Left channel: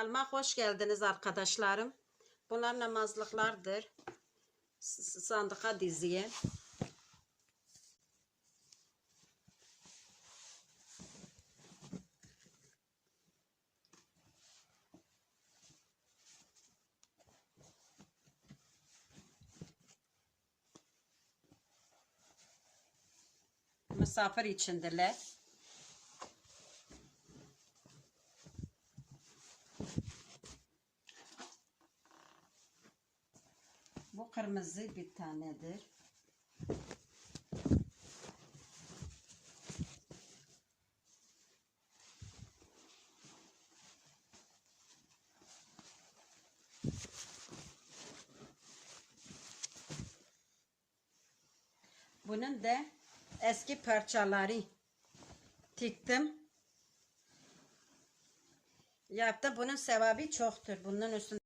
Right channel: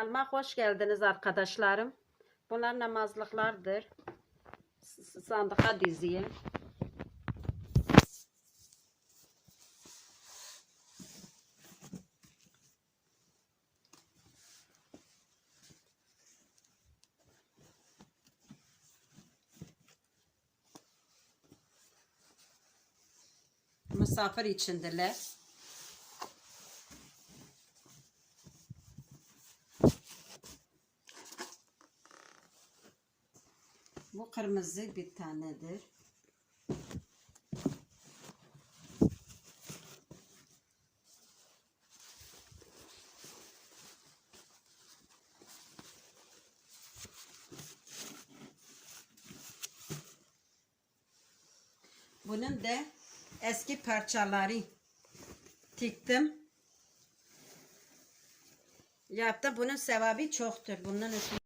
Kanalıma hoş geldiniz arkadaşlarım. Bunlar namazlıklardır. S- s- Sandığa diziye. Misafir içindiler. Bu kırmızı bir tanedir. Bunun da eski parçaları tiktim. Yaptım. Bunun sevabı çoktur. Bunun üstüne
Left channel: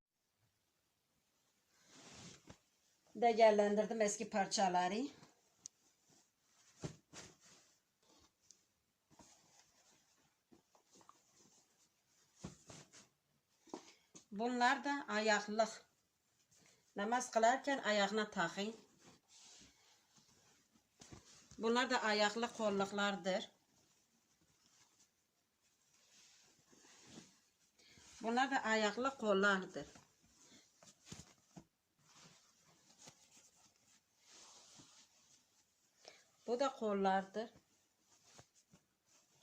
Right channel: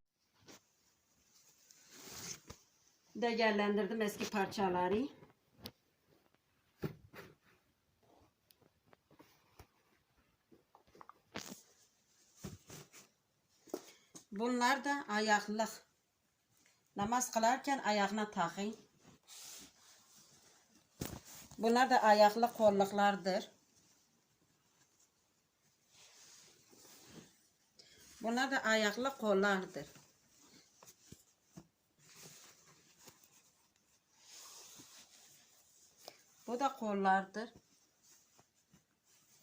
değerlendirdim eski parçaları. Bunlar da ayaklık. Namaz kılarken ayağına takın. Bunlar da ayaklı kolluklardır. Bunlar da ayaklı kollardır. Bu da kollardır.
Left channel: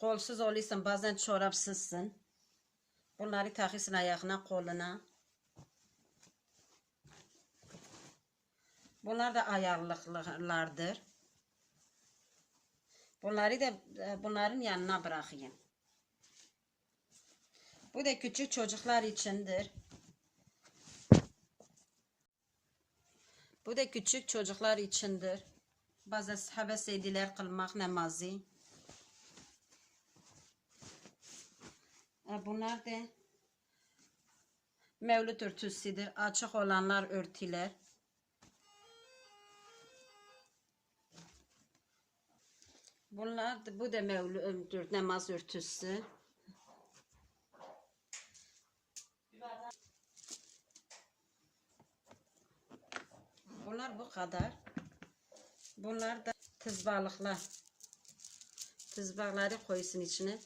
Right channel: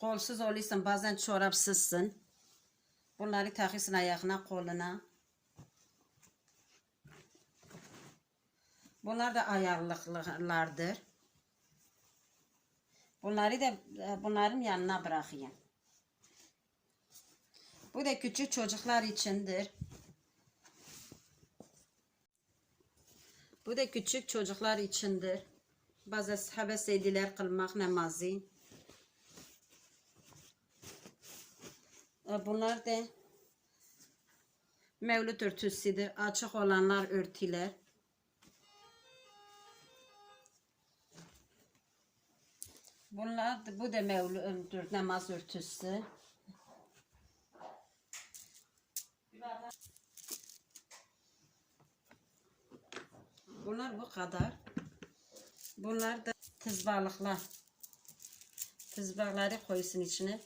Kolsuz oluyorsun bazen çorapsızsın. Bunları takıyorsun ayağına koluna. Bunlar da ayaklıklardır. Bunları da e, bunların yanına bırakayım. Bu da küçük çocuklar içindir. Bu da küçük çocuklar içindir. Bazı sahabe seydiler kılmak namazı. E, Bunlar da mevlüt örtüsüdür. Açık olanlar örtüler. Bunlar da, bu da mevlüt namaz örtüsü. Bunlar bu kadar. Bunlar da tızbalıklar. Tızbağları koysun içine.